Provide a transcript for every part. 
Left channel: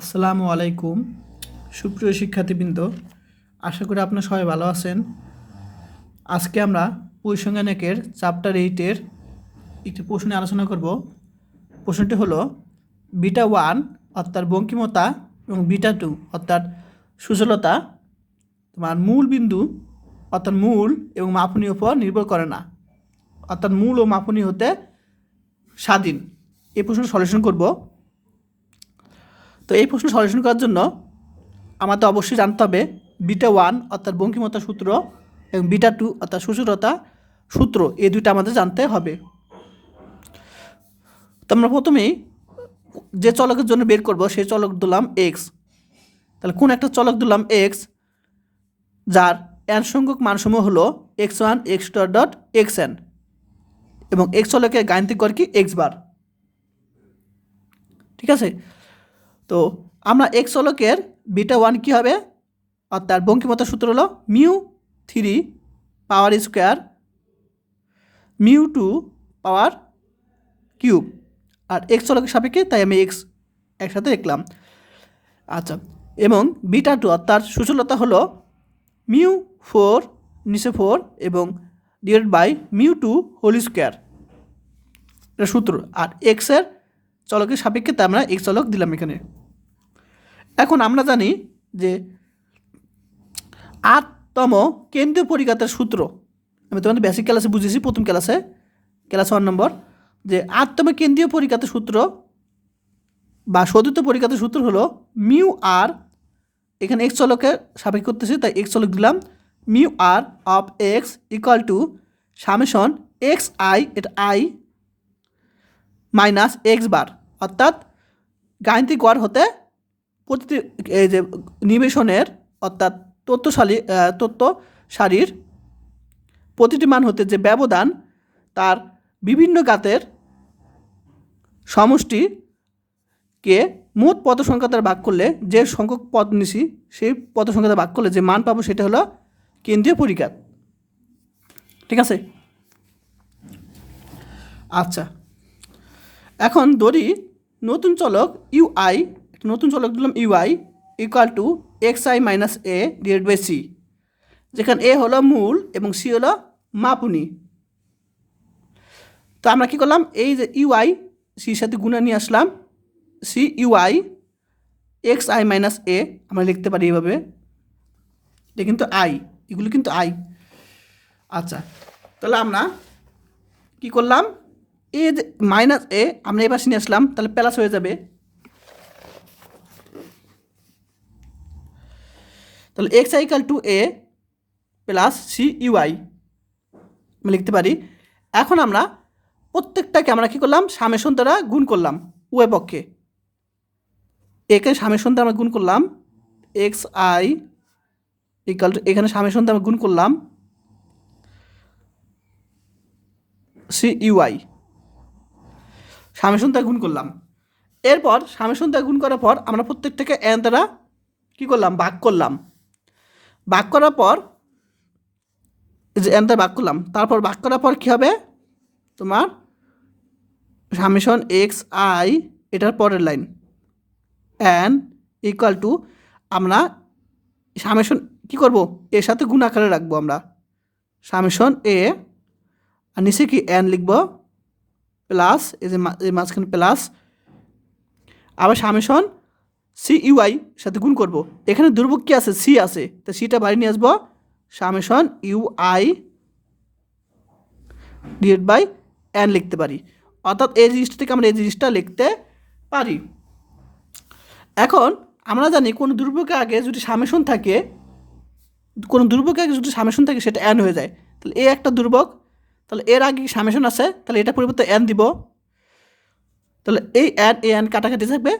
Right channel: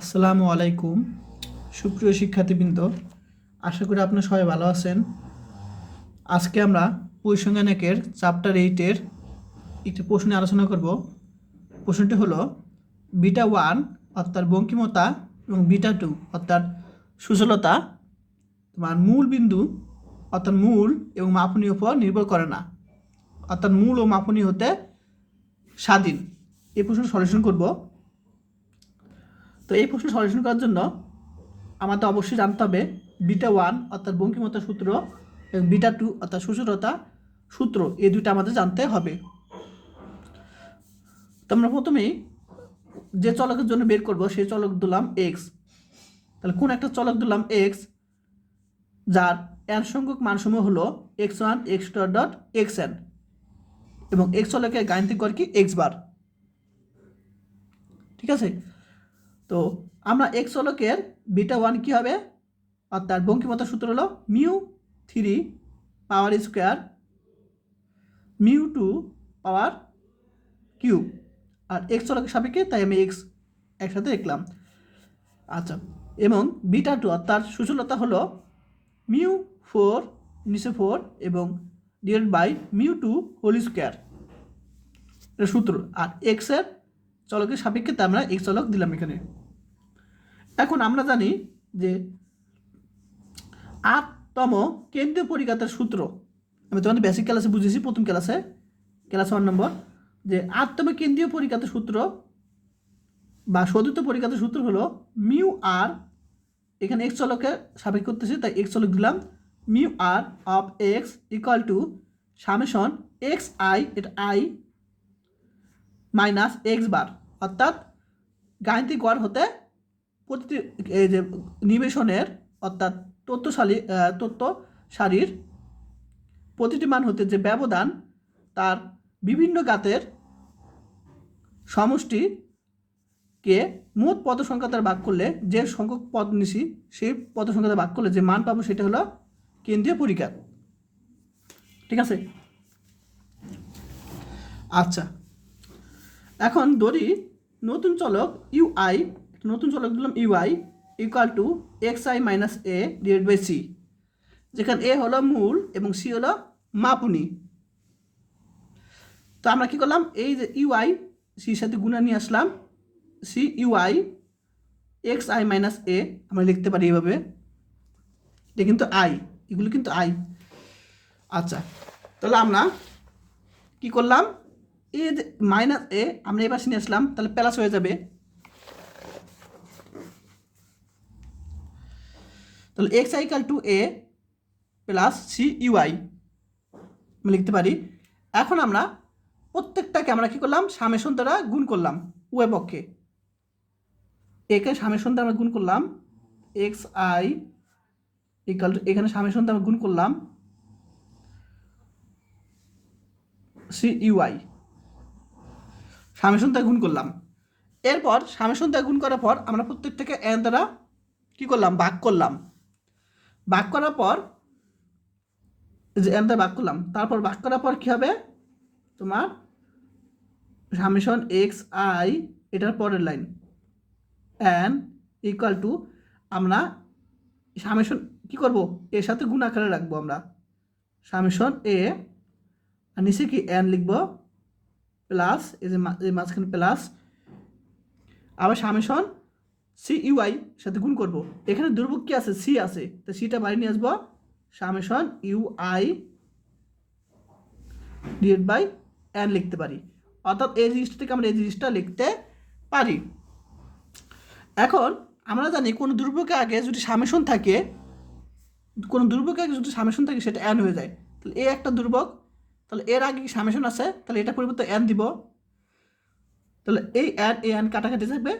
আসসালামু আলাইকুম সুপ্রিয় শিক্ষার্থীবৃন্দ, আশা করি আপনারা সবাই ভালো আছেন। আজকে আমরা পরিসংখ্যানের চ্যাপ্টার 8-এর একটি প্রশ্ন নিয়ে আলোচনা করব। প্রশ্নটি হলো বিটা 1 অর্থাৎ বঙ্কিমতা এবং বিটা 2 অর্থাৎ সুচলতা তোমার মূল বিন্দু অর্থাৎ মূল এবং মাপনীর উপর নির্ভর করে না, অর্থাৎ মূল ও মাপনী হতে স্বাধীন। এই প্রশ্নের সলিউশন করব। তো এই প্রশ্ন সলিউশন করার জন্য আমাদের অবশ্যই জানতে হবে বিটা 1 অর্থাৎ বঙ্কিমতা সূত্র এবং বিটা 2 অর্থাৎ সুচলতা সূত্র, এই দুইটা আমাদের জানতে হবে। তো আমরা প্রথমেই যে চলকের জন্য বের করব সেই চলক দিলাম এক্স। তাহলে কোন একটা চলক দিলাম এক্স যার এন সংখ্যক মানসমূহ হলো x1 x2 ডট xn এবং এক্স চলকের গাণিতিক গড় কি এক্স বার। ঠিক আছে, তো আমরা এক্স চলকের বিটা 1 কী হবে অর্থাৎ বঙ্কিমতার সূত্র হলো mu 3 power square mu 2 power cube, আর এক্স চলকের সাপেক্ষে তাই আমি এক্স একসাথে লিখলাম। আচ্ছা, এবং বিটা 2 অর্থাৎ সুচলতা হলো মিউ 4 নিচে 4 এবং divide by mu 2 whole square, এটা সূত্র। আর এক্সের চলকের সাপেক্ষে তাই আমরা এক্স চলক দিলাম এখানে। এখন আমরা জানি যে 8তম কেন্দ্রীয় পরিঘাতের সূত্র আমি তোমাদের বেসিক ক্লাসে বুঝেছি, প্রথম ক্লাস 1 নম্বর, যে 8তম কেন্দ্রীয় পরিঘাতের সূত্র বা সদিত পরিঘাতের সূত্র হলো মিউ আর, এখানে এক্স চলকের সাপেক্ষ করতেছি তাই এক্স চলক দিলাম, mu R of x equal to summation x i, এটা আই মাইনাস এক্স বার, অর্থাৎ গাণিতিক গড় হতে প্রতিটি এই যে নিবেশনের অর্থাৎ তথ্য সারির প্রতিটি মান হতে যে ব্যবধান তার বিভিন্ন ঘাতের সমষ্টিকে মোট পদ সংখ্যা দ্বারা ভাগ করলে যে সংখ্যক পদ নিছি সেই পদ সংখ্যা দ্বারা ভাগ করলে যে মান পাবো সেটা হলো কেন্দ্রীয় পরিঘাত। ঠিক আছে, আচ্ছা এখন ধরি নতুন চলক ইউআই, নতুন চলক দিলাম u i equal to x I minus a divide by c, যেখানে এ হলো মূল এবং সি হলো মাপুনি। তো আমরা কী করলাম, এই যে ইউআই সির সাথে গুণা নিয়ে আসলাম, C U I X I minus A আমরা লিখতে পারি এভাবে, এটা কিন্তু আই, এগুলো কিন্তু আই। আচ্ছা, তাহলে আমরা কী করলাম, এ যে মাইনাস এ আমরা এবার নিয়ে আসলাম, তাহলে প্লাস হয়ে যাবে। তাহলে x i equal to a plus c u i আমি লিখতে পারি। এখন আমরা প্রত্যেকটাকে আমরা কী করলাম, সামেশন দ্বারা গুণ করলাম উভয় পক্ষে, একে সামেশন দ্বারা আমরা গুণ করলাম এক্স আই ইকাল টু, এখানে সামেশন দ্বারা গুণ করলাম সি ইউআই, সামেশন দ্বারা গুণ করলাম। এরপর সামেশন দ্বারা গুণ করার পর আমরা প্রত্যেকটাকে এন দ্বারা কী করলাম, ভাগ করলাম। ভাগ করার পর এই যে এন দ্বারা ভাগ করলাম, তারপর ভাগ করার পর কী হবে তোমার সামেশন এক্স আই, এটার পরের লাইন এন ইকুয়াল টু, আমরা সামেশন কী করব, এর সাথে গুণ আকারে রাখবো আমরা সামেশন এ, আর নিচে কি এন লিখব প্লাস এই যে মাঝখানে প্লাস, আবার সামেশন সি ইউআই সাথে গুণ করব। এখানে দুর্ভোগ কী আছে, সি আছে, তো সিটা বাইরে নিয়ে আসবো, summation UI divide by n লিখতে পারি, অর্থাৎ এই জিনিসটা থেকে আমরা এই জিনিসটা লিখতে পারি। এখন আমরা জানি কোনো দুর্ভোগের আগে যদি সামেশন থাকে, কোনো দুর্ভোগের আগে যদি সামেশন থাকে সেটা এন হয়ে যায়। তাহলে এ একটা দুর্ভোগ, তাহলে এর আগে সামেশন আছে, তাহলে এটা পরিবর্তে এন দিব, তাহলে এই এন এ এন কাটাকাটি থাকবে।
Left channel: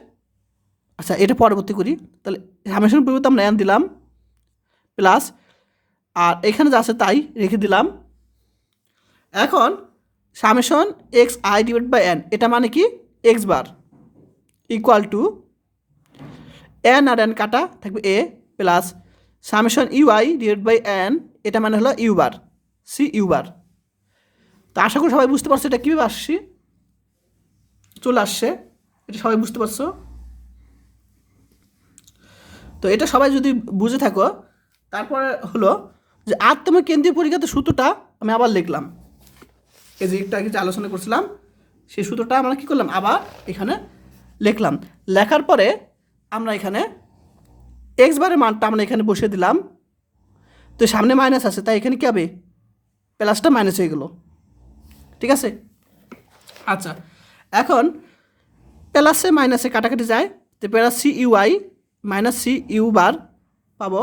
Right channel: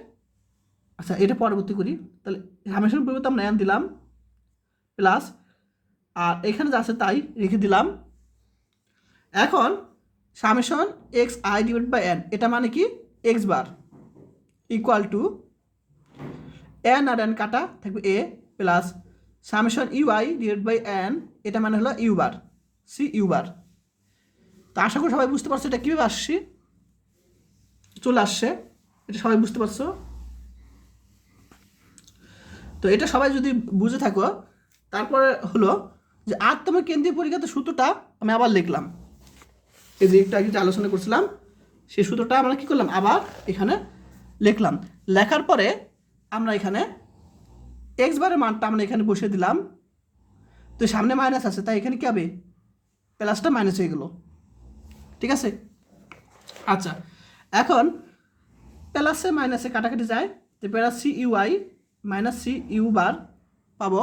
আচ্ছা, এটা পরবর্তী করি, তাহলে সামেশন পরিবর্তে আমরা এন দিলাম প্লাস, আর এখানে যা আছে তাই রেখে দিলাম। এখন summation x I divide by N, এটা মানে কি X bar equal to N আর এন কাটা থাকবে A plus summation UI divide by N, এটা মানে হলো U bar C U bar. তো আশা করি সবাই বুঝতে পারছো এটা কীভাবে আসছি, চলে আসছে, এটা সবাই বুঝতে পারছো। তো এটা সবাই যদি বুঝে থাকো, তারপরে হলো যে আটতম কেন্দ্রীয় পরিঘাতের সূত্রটা আমি আবার লিখলাম। এই যে একটু আগে যে আলোচনা করছিলাম সেই সূত্রটা আমরা কী করলাম, আবার এখানে লিখলাম। লেখার পরে আমরা এখানে এক্স বারের মানটা আমরা এখানে বসিয়ে দিলাম। তো সামনে মাইনাস আছে, তাই এখানে কী হবে, প্লাসটা মাইনাস হয়ে গেল। ঠিক আছে। আচ্ছা, এখন প্লাসে মাইনাসে কাটাকাটি যায়, তো plus C U I minus C U bar পাবো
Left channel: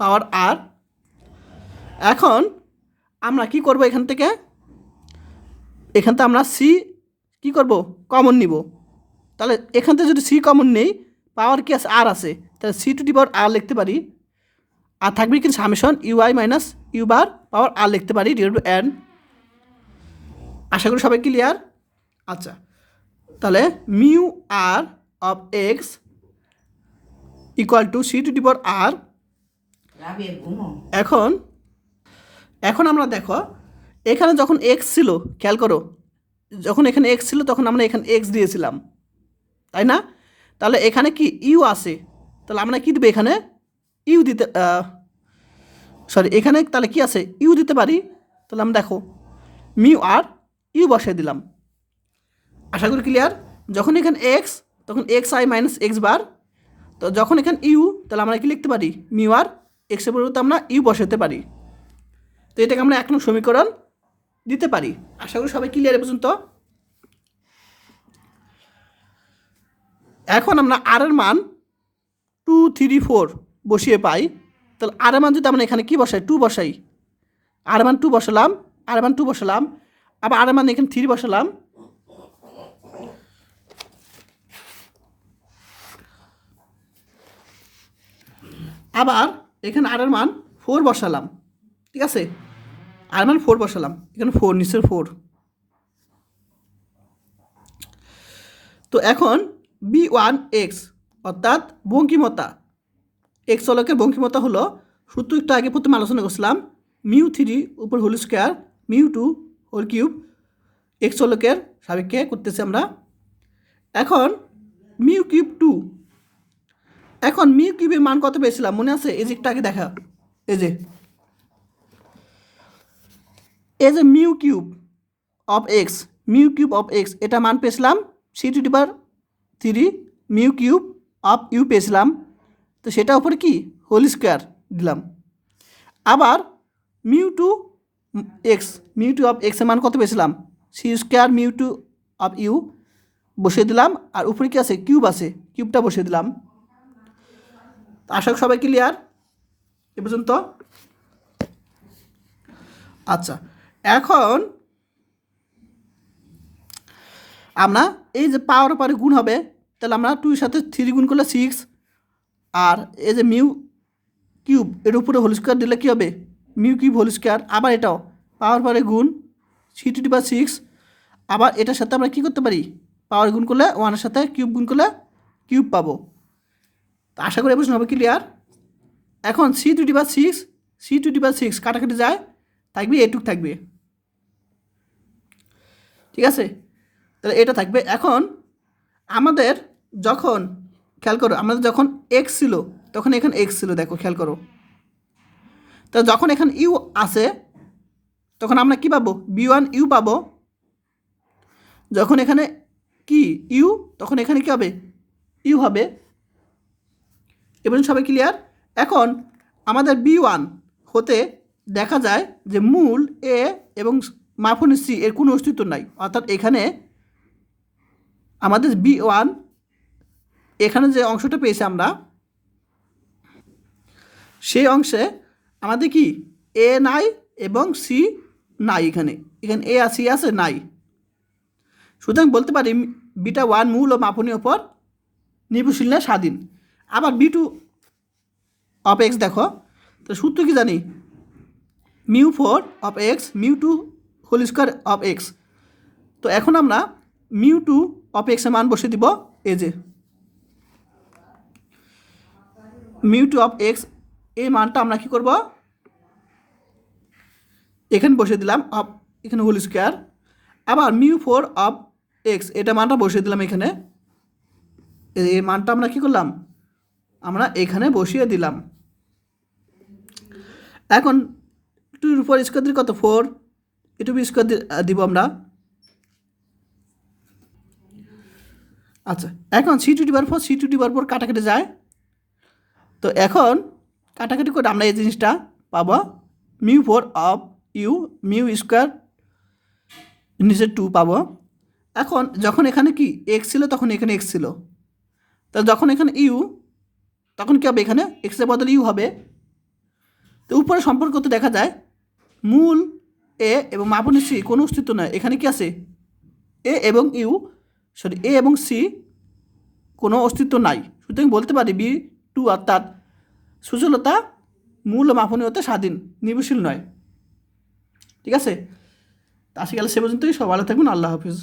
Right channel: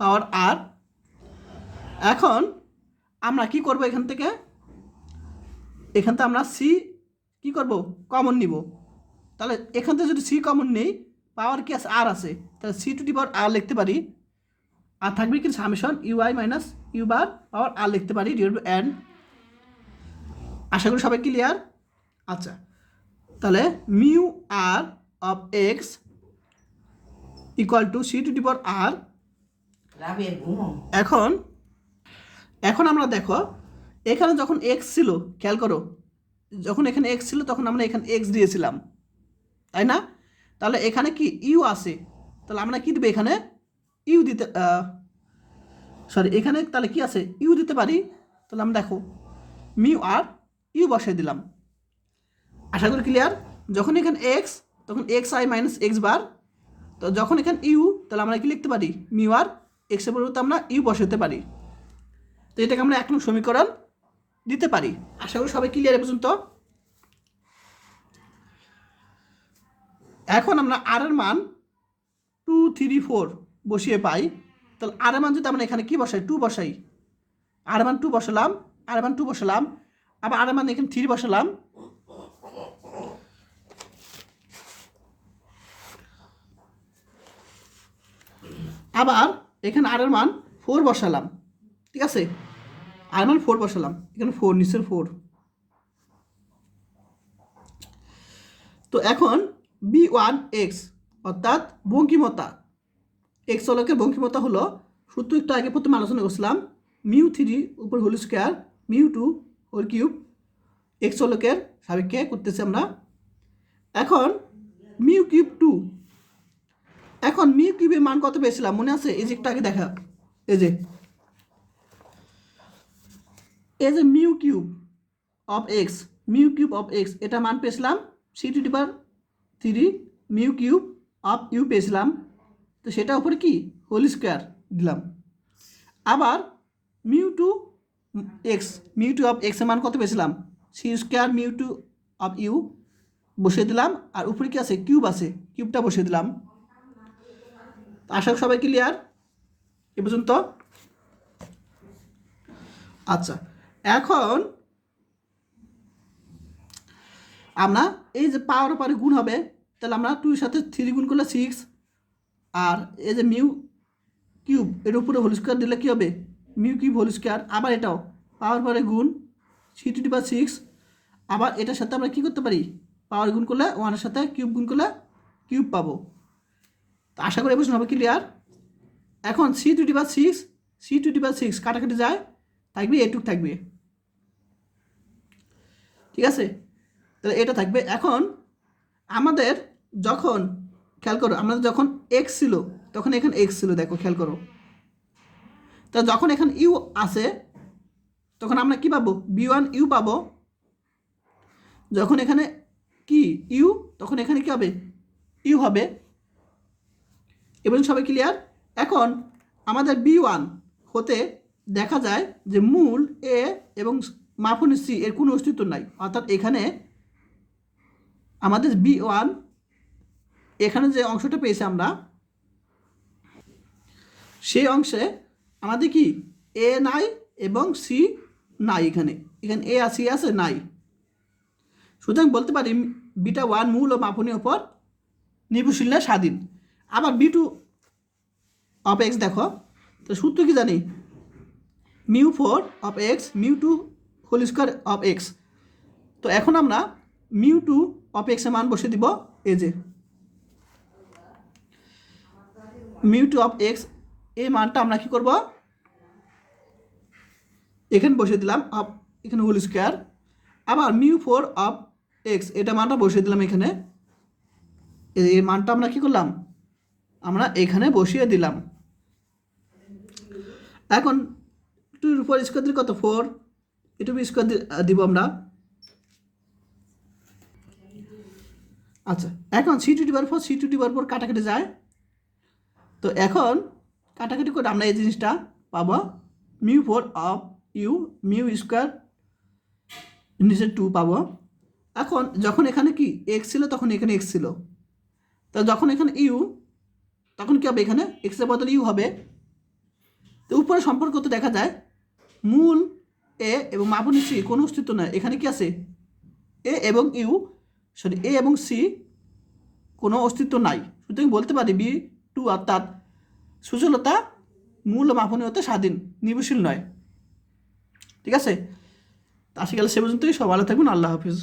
পাওয়ার আর। এখন আমরা কি করব, এখান থেকে আমরা সি কি করব, কমন নিব। তাহলে এখান থেকে যদি সি কমন নেই, পাওয়ার কি আছে, আর আছে, তাহলে C to the power R লিখতে পারি। আর থাকবে কিন্তু summation U I minus U bar power R লিখতে পারি ডিভাইড টু এন। আশা করি সবাই ক্লিয়ার। আচ্ছা, তাহলে mu R of x equal to C to the power R. এখন আমরা দেখো, এখানে যখন এক্স ছিল, খেয়াল করো, যখন এখানে এক্স ছিল তখন আমরা এখানে এক্স দিয়েছিলাম, তাই না? তাহলে এখানে কি ইউ আছে, তাহলে আমরা কি দেবো, এখানে ইউ দিতে এখানে তাহলে কি আছে, ইউ দিতে পারি। তাহলে আমরা দেখো মিউ আর ইউ বসিয়ে দিলাম। আশা করি ক্লিয়ার। যখন এখানে এক্স, তখন এক্স আই মাইনাস এক্স বার। তো যখন এখানে ইউ, তাহলে আমরা কি লিখতে পারি, মিউ আর এক্সের পরিবর্তে আমরা ইউ বসাতে পারি। তো এটাকে আমরা 1 নং সমীকরণ দিতে পারি। আশা করি সবাই ক্লিয়ার এ পর্যন্ত। এখন আমরা আর এর মান 2, 3, 4 বসিয়ে পাই। তাহলে আর এর মান যদি আমরা এখানে কি বসাই, 2 বসাই, আর এর মান 2 বসালাম, আর এর মান 2 বসালাম, আবার আর এর মান এখানে 3 বসালাম, আবার এখানে আর এর মান 4 বসালাম। ঠিক আছে, আর এর মান 4 বসালাম, এখানে 4 নিচের 4। তো এখন B1x অর্থাৎ বঙ্কিমতা, এক্স চলকের বঙ্কিমতা হলো, সূত্র একটু আগে প্রথমে আলোচনা করছিলাম, মিউ 3 উপর whole square mu 2 whole cube, X চলকের সাপেক্ষে করতেছি আমরা। এখন মিউ কিউব 2, এখন মিউ কিউবের মান কত পেয়েছিলাম মনে আছে, এই যে একটু আগে দেখা, এই যে mu cube of x, mu cube of x, এটা মান পেয়েছিলাম c to the power 3 mu cube of u পেয়েছিলাম। তো সেটা উপরে কি হোল স্কোয়ার দিলাম। আবার mu two x, mu two of এক্সের মান কত পেয়েছিলাম, c square mu two of u বসিয়ে দিলাম। আর উপরে কি আছে, কিউব আছে, কিউবটা বসিয়ে দিলাম। আশা করি সবাই ক্লিয়ার এ পর্যন্ত। আচ্ছা, এখন আমরা এই যে পাওয়ার পরে গুণ হবে, তাহলে আমরা 2 এর সাথে 3 গুণ করলে 6, আর এই যে মিউ কিউব এর উপরে হোল স্কোয়ার দিলে কী হবে, মিউ কিউব হোল স্কোয়ার। আবার এটাও পাওয়ার পরে গুণ সি টু দি পাওয়ার 6, আবার এটার সাথে আমরা কী করতে পারি, পাওয়ার গুণ করলে 1 এর সাথে কিউব গুণ করলে কিউব পাবো। তো আশা করি বুঝতে হবে ক্লিয়ার। এখন C to the power 6, C to the power 6 কাটাকাটি যায়, থাকবে এটুক থাকবে। ঠিক আছে, তাহলে এটা থাকবে। এখন আমাদের যখন, খেয়াল করো, আমাদের যখন এক্স ছিল তখন এখানে এক্স ছিল, দেখো খেয়াল করো। তো যখন এখানে ইউ আসে তখন আমরা কি পাবো, B1 ইউ পাবো। যখন এখানে কি ইউ, তখন এখানে কি হবে, ইউ হবে। এবার সবাই ক্লিয়ার। এখন আমাদের B1 হতে দেখা যায় যে মূল এ এবং মাপনী সি এর কোনো অস্তিত্ব নাই, অর্থাৎ এখানে আমাদের B1 এখানে যে অংশটা পেয়েছি আমরা, সেই অংশে আমাদের কি এ নাই এবং সি নাই, এখানে এ আর সি আছে নাই। সুতরাং বলতে পারি B1 মূল ও মাপনীর ওপর নির্ভরশীল না, স্বাধীন। আবার B2 অফ এক্স দেখো, তো সূত্র কি জানি, mu 4 of x mu 2 whole square of x. তো এখন আমরা মিউ 2 অফ এক্সের মান বসিয়ে দিব, এই যে মিউ 2 অফ এক্স, এই মানটা আমরা কী করব, এখানে বসিয়ে দিলাম, অফ এখানে হোল স্কোয়ার। আবার মিউ 4 অফ এক্স, এটা মানটা বসিয়ে দিলাম এখানে, এই মানটা আমরা কী করলাম, আমরা এখানে বসিয়ে দিলাম। এখন 2 স্কোয়ার দিলে কত 4, এটু স্কোয়ার দিব আমরা। আচ্ছা, এখন C2 কাটাকাটি যায়। তো এখন কাটাকাটি করে আমরা এই জিনিসটা পাবো μ4 অফ ইউ মিউ স্কোয়ার নিচে 2 পাবো। এখন যখন এখানে কি এক্স ছিল তখন এখানে এক্স ছিল, তা যখন এখানে ইউ তখন কী হবে, এখানে এক্সের বদলে ইউ হবে। তো উপরে সম্পর্ক তো দেখা যায় মূল এ এবং মাপনী সি কোনো অস্তিত্ব নয়, এখানে কি আছে এ এবং ইউ এ এবং সি কোনো অস্তিত্ব নাই। সুতরাং বলতে পারি B2 অর্থাৎ সুচলতা মূল ও মাপনীয়তা স্বাধীন, নির্ভরশীল নয়। ঠিক আছে, তা আজকে গেলে সে পর্যন্তই। সব ভালো থাকবেন, আল্লাহ হাফিজ।